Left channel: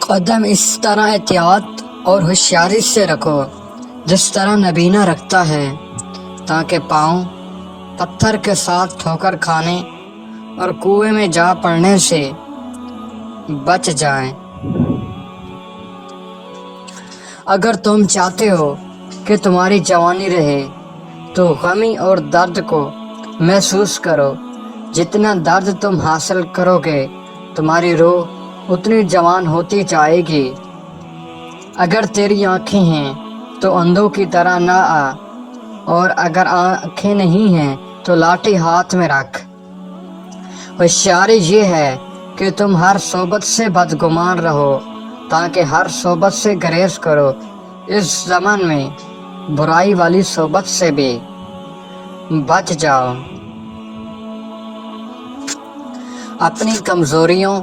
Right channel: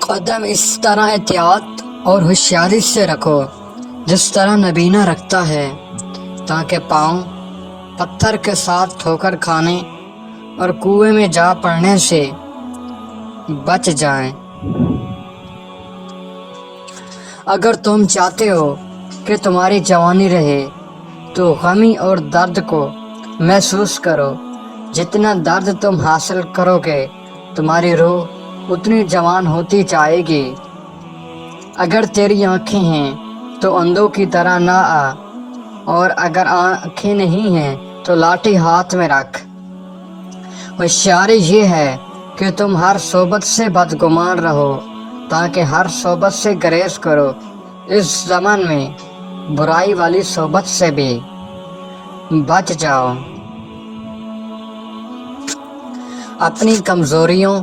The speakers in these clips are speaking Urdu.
قدم اس طرح احتیاط اور ہوشیاری سے رکھو جس طرح نبینہ رکھتا ہے، تاکہ پاؤں پتھر کے ساتھ ٹھوکر کھانے اور کنویں میں جا پڑنے سے بچ جائیں۔ اگر تم چاہتے ہو کہ تمہاری جوانی رہے تو غمی اور درد کو محسوس کرو۔ جتنا درد تم حاصل کرو گے تمہاری روح اتنی جوان ہوتی جائے گی۔ اگر تیری آنکھیں ہیں تو اندھوں کی طرح نہ آ، اور اگر آنکھیں نہیں ہیں تو لاٹھی ہاتھ میں رکھ۔ ہوشیاری یہ ہے کہ تم ہر صحبت سے بدگمان رہو تاکہ ہر صحبت سے گریز کرو۔ اس زمن میں برائی والی صحبت سے بھی بچ جاؤ۔ اپنی کمزوریوں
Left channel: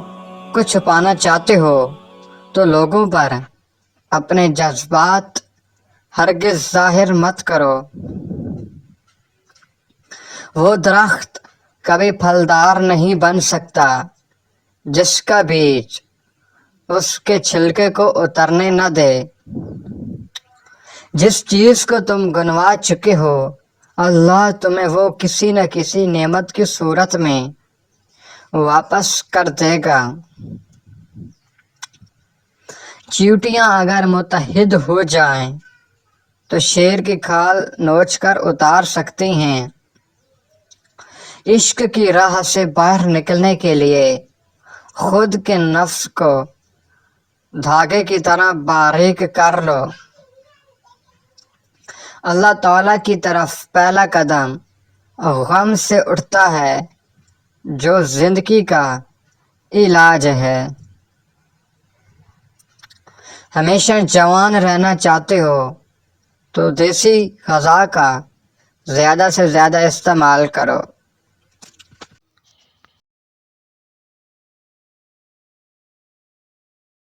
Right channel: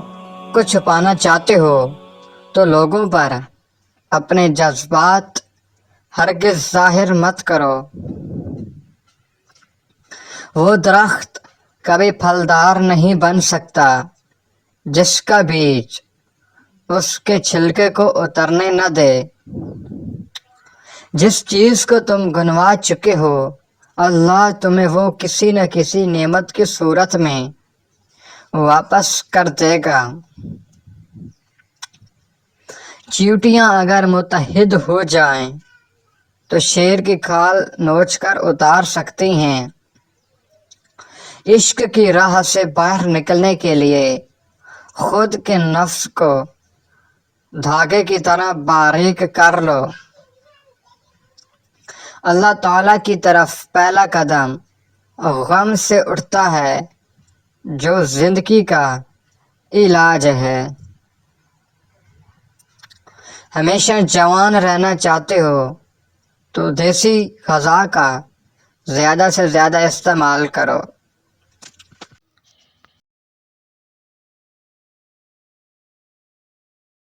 کو چھپانا چاہتے ہو تو لوگوں پر اپنے جذبات ہرگز ظاہر مت کرو۔ وہ درخت کبھی پھلدار نہیں بن سکتا جس کا بیج اس کے چھلکے کو اترنے نہ دے۔ جس چیز کو تم گنوا چکے ہو اللہ تمہیں وہ کسی نہ کسی نعمت کی صورت میں واپس کر دے گا۔ چیونٹیاں اگر متحد ہو جائیں تو شیر کی کھال نوچ کر اتار سکتی ہیں۔ عشق کی راہ سے باہر نکلنے کے لیے خود کے نفس کو دھاگے کی طرح باریک کر لو۔ اللہ تعالیٰ کی طرف پہلا قدم غم سے اٹھتا ہے جو زندگی کا علاج ہے۔ ہمیشہ جوان رہنا چاہتے ہو تو دیسی غذا کا زیادہ سے زیادہ استعمال کرو۔